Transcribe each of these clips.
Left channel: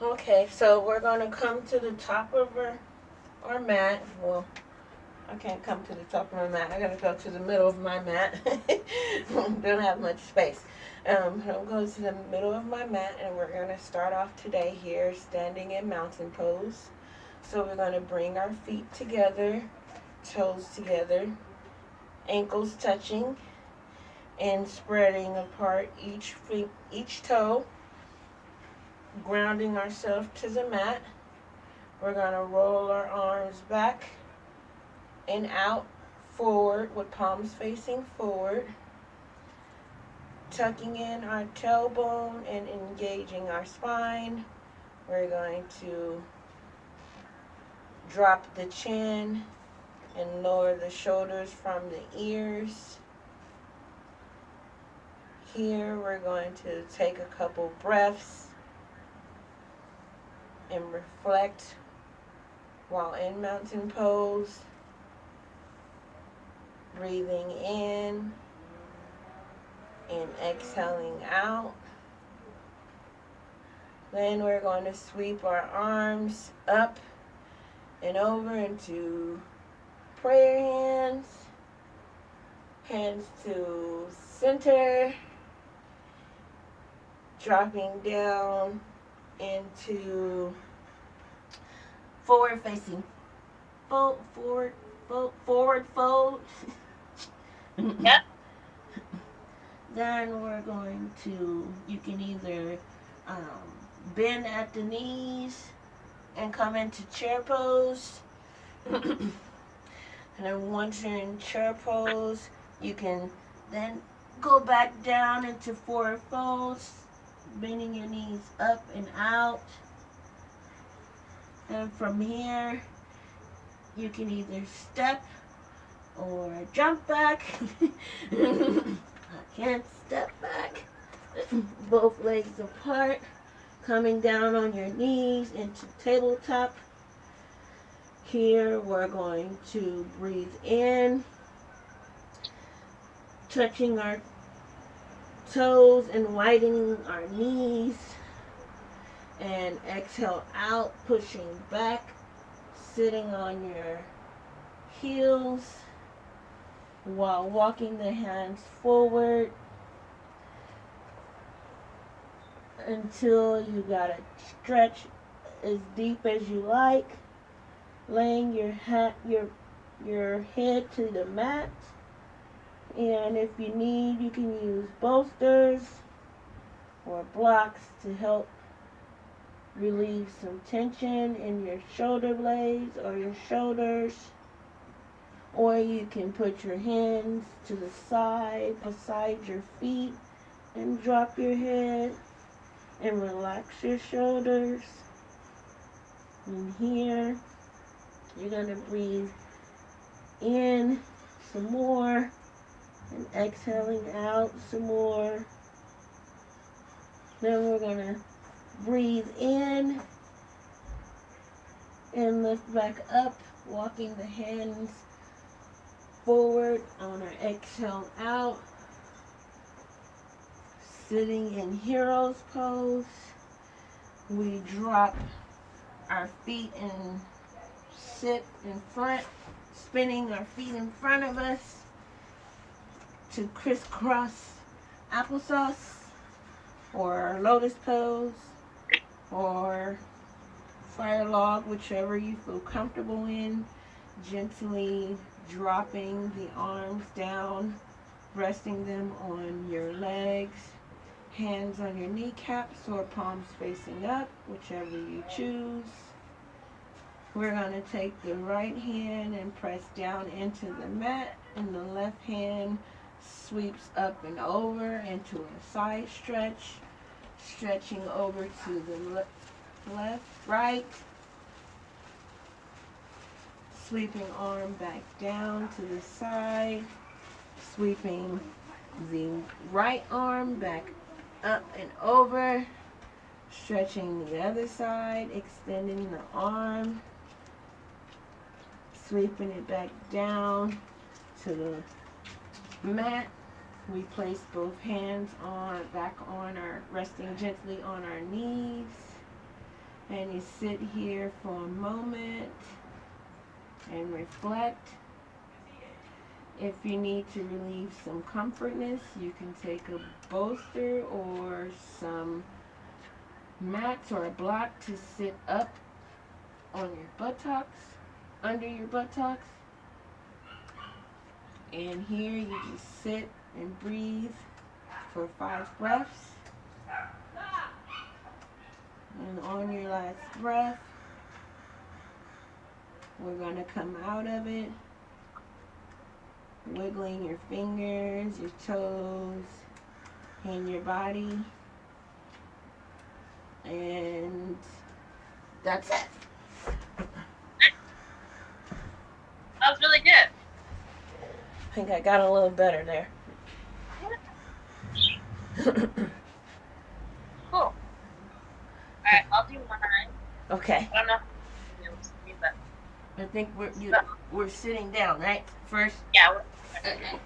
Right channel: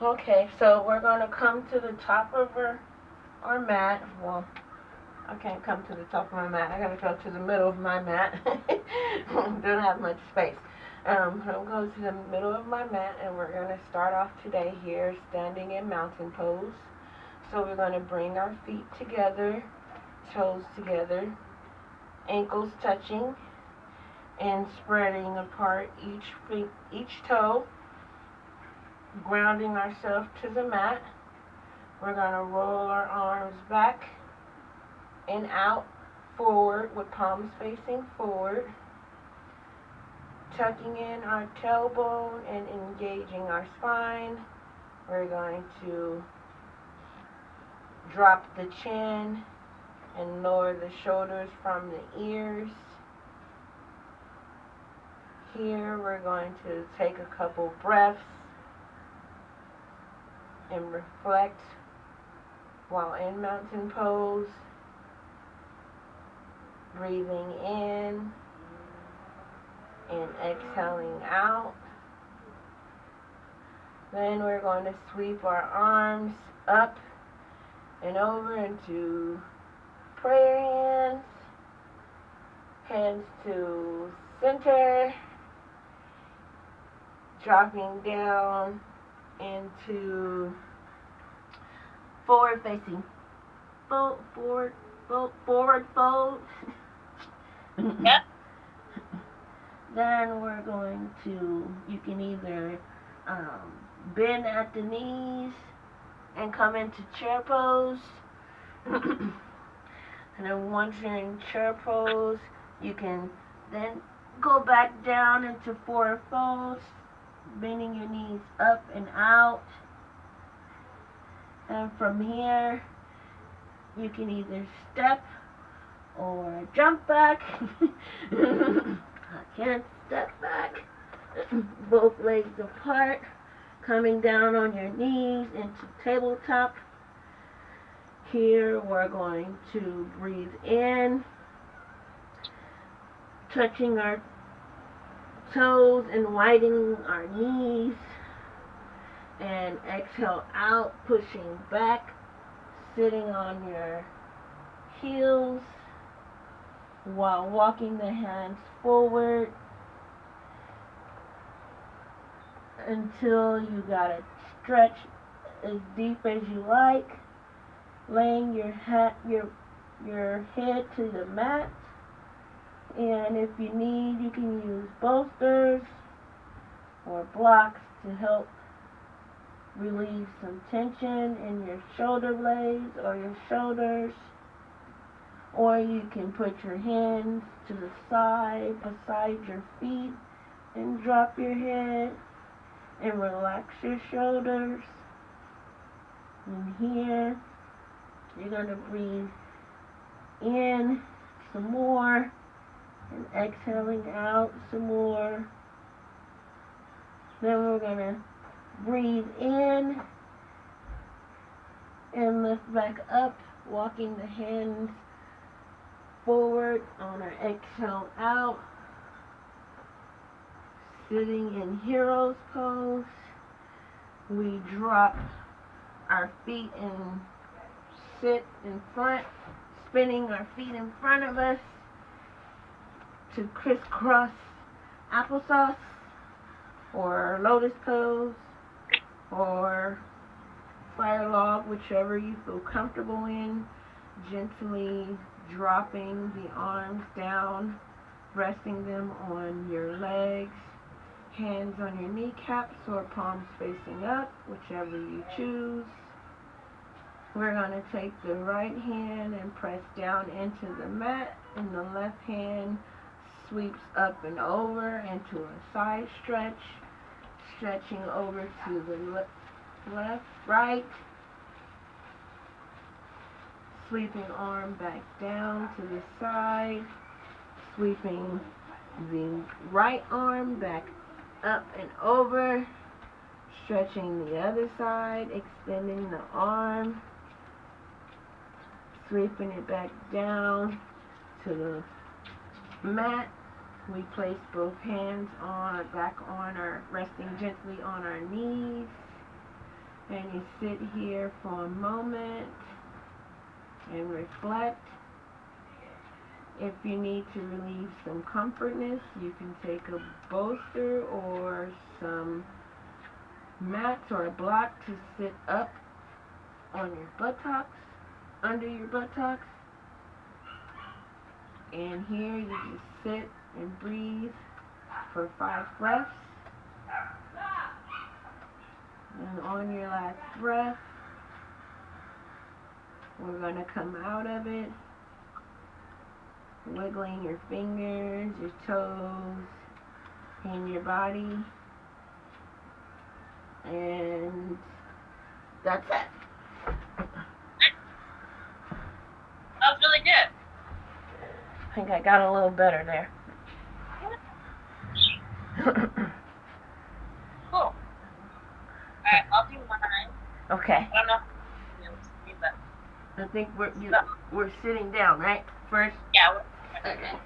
Okay, so we're going to come to the top of our mat. Well, I can't come to the top of my mat. I got to go to the middle of my mat. Don't have much space. I'm going to go to the middle of my mat, and we're going to start off today here standing in mountain pose. So we're going to bring our feet together, toes together, ankles touching, and spreading apart each toe, grounding ourselves to the mat. We're going to roll our arms back and out, forward with palms facing forward, tucking in our tailbone and engaging our spine. We're going to drop the chin and lower the shoulders from the ears. Here we're going to take a couple breaths and reflect while in mountain pose. Breathing in and exhaling out. Then we're going to sweep our arms up and over into prayer hands. Hands to center. Dropping down into forward facing forward fold. Yep. Then we're going to, you can either um, bend at the knees and come into chair pose. And then once you're in chair pose, you can then go back down into forward folds, bending your knees up and out. And from here, you can either step or jump back. I can't step back. Both legs apart, coming down on your knees into tabletop. Here we're going to breathe in, touching our toes and widening our knees, and exhale out, pushing back, sitting on your heels while walking the hands forward until you gotta stretch as deep as you like, laying your head to the mat. And if you need, you can use bolsters or blocks to help relieve some tension in your shoulder blades or your shoulders. Or you can put your hands to the side beside your feet and drop your head and relax your shoulders. And here, you're going to breathe in some more and exhaling out some more. Then we're going to breathe in and lift back up, walking the hands forward on our exhale out. Sitting in hero's pose. We drop our feet and sit in front, spinning our feet in front of us to crisscross applesauce or lotus pose or fire log, whichever you feel comfortable in. Gently dropping the arms down, resting them on your legs, hands on your kneecaps or palms facing up, whichever you choose. We're going to take the right hand and press down into the mat, and the left hand sweeps up and over into a side stretch, stretching over to the left, right, sweeping arm back down to the side, sweeping the right arm back up and over, stretching the other side, extending the arm, sweeping it back down to the mat. We place both hands back on resting gently on our knees. And you sit here for a moment and reflect. If you need to relieve some comfortness, you can take a bolster or some mats or a block to sit up on your buttocks, under your buttocks. And here you just sit and breathe for 5 breaths. And on your last breath, we're going to come out of it, wiggling your fingers, your toes, and your body. And that's it. That was really good. I think I got a little better there. Cool. Alright, I'll do mine. Okay. I don't know if you can see, but I think we're sitting down, right? First. yeah. Okay.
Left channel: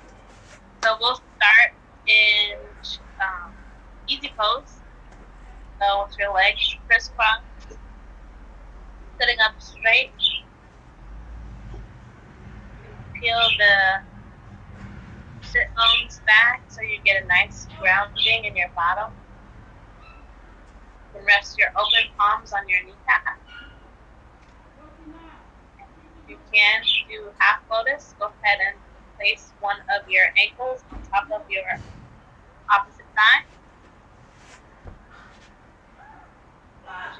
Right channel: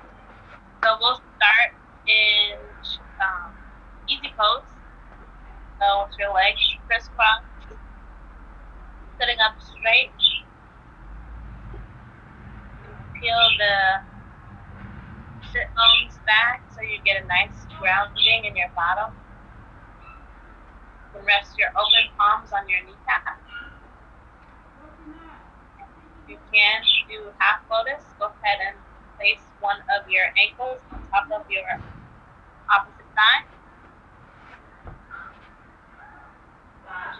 So we'll start in easy pose. So with your legs crisscrossed, sitting up straight. Peel the sit bones back so you get a nice grounding in your bottom. You can rest your open palms on your kneecap. You can do half lotus. Go ahead and place one of your ankles on top of your opposite thigh.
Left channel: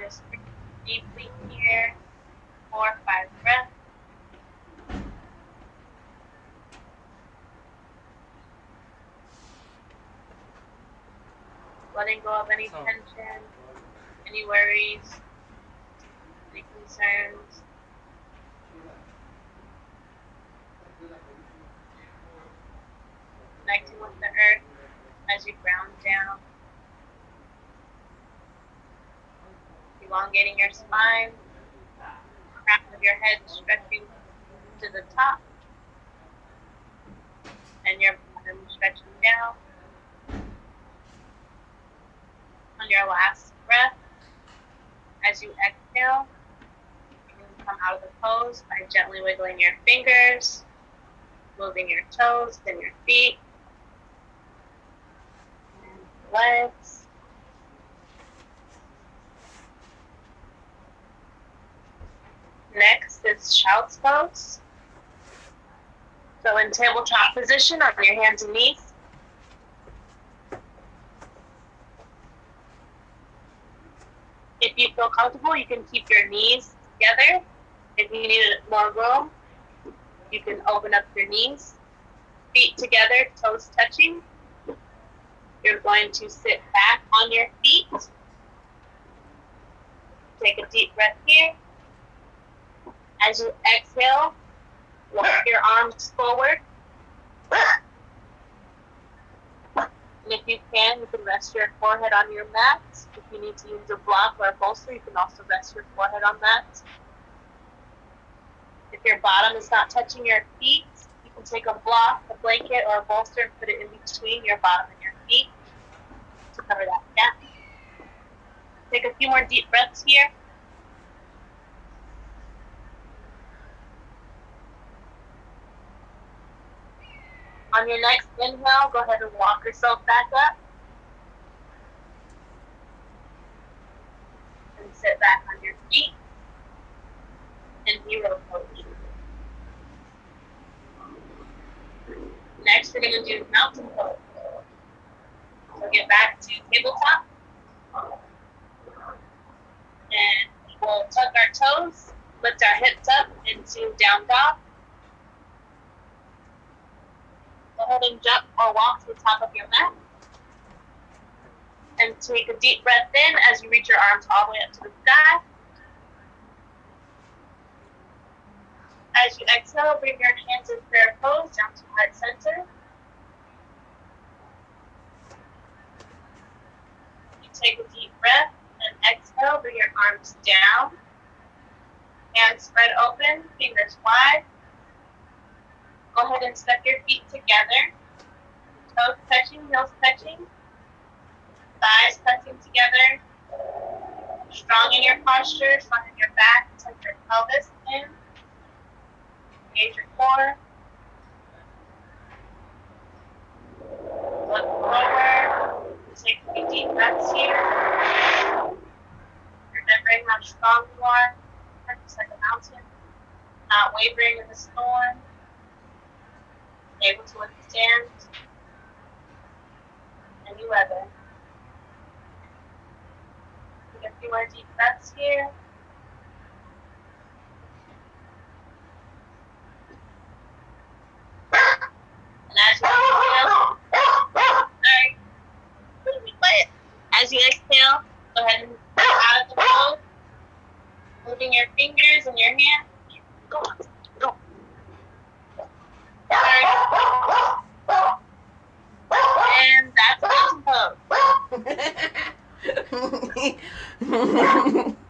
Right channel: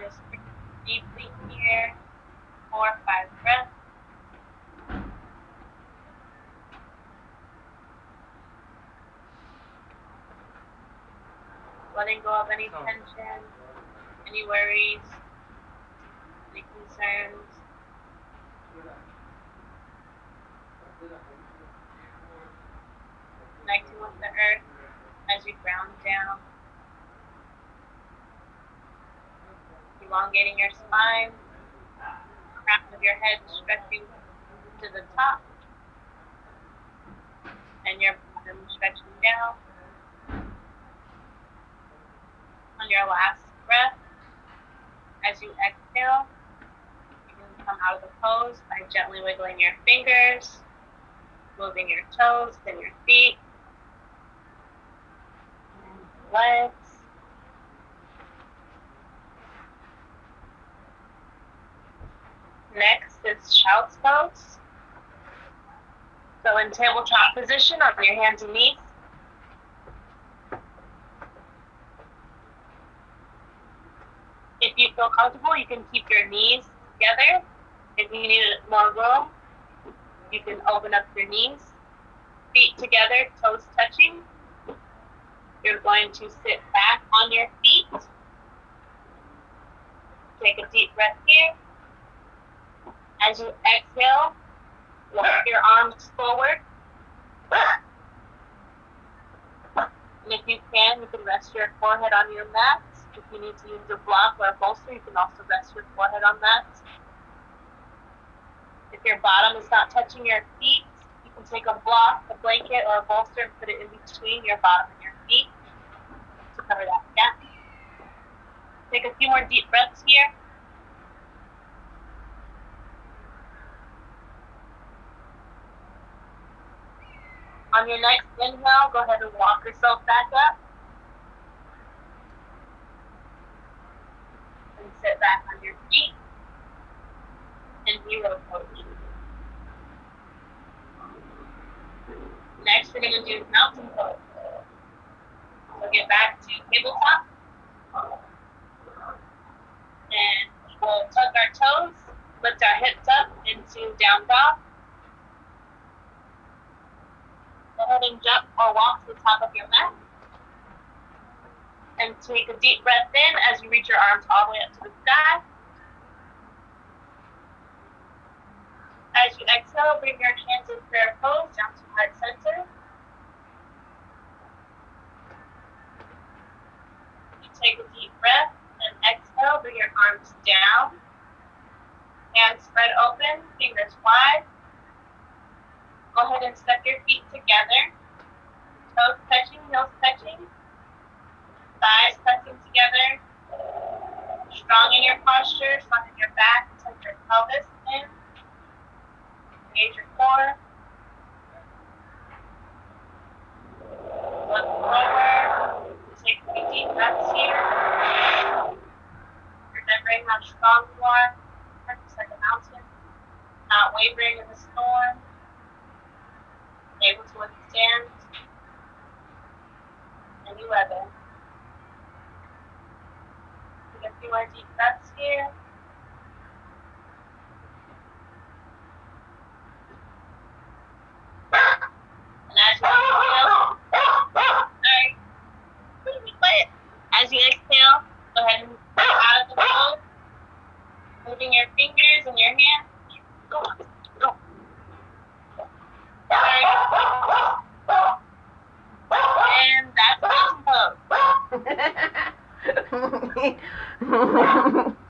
Just breathe deeply here. 4 or 5 breaths. Letting go of any tension, any worries, any concerns. Connecting with the earth as you ground down. Elongating your spine, crown of your head stretching to the top, and your bottom stretching down. On your last breath, as you exhale, you can come out of the pose by gently wiggling your fingers, moving your toes and your feet, and legs. Next is child's pose. So in tabletop position on your hands and knees. If you feel comfortable, you can keep your knees together. If you need more room, you can open up your knees. Feet together, toes touching. You're going to sit back on your feet. Take a deep breath here. As you exhale, walk your arms forward. And if you can rest your forehead on your mat. If you need to use a block or a bolster, you can also rest your forehead on that. If your bottom is not touching your feet, you can take a block, a blanket, or a bolster and put it in between your bottom and your feet to cover that gap. Take a few more deep breaths here. On your next inhale, go ahead and walk yourself back up. And sit back on your feet. And hero pose. Next, we're going to do mountain pose. So get back to tabletop. And we'll tuck our toes, lift our hips up into down dog. Go ahead and jump or walk to the top of your mat. And take a deep breath in as you reach your arms all the way up to the sky. As you exhale, bring your hands in prayer pose down to heart center. You take a deep breath and exhale, bring your arms down. Hands spread open, fingers wide. Go ahead and step your feet together. Toes touching, heels touching. Thighs pressing together. strong in your posture, strong in your back, tuck your pelvis in, engage your core. Look forward. Take 3 deep breaths here. Remembering how strong you are, just like a mountain, not wavering in the storm, able to withstand any weather. Take a few more deep breaths here. And as you exhale, go ahead and go out of the pose, moving your fingers and your hands. Go. And that's mountain pose.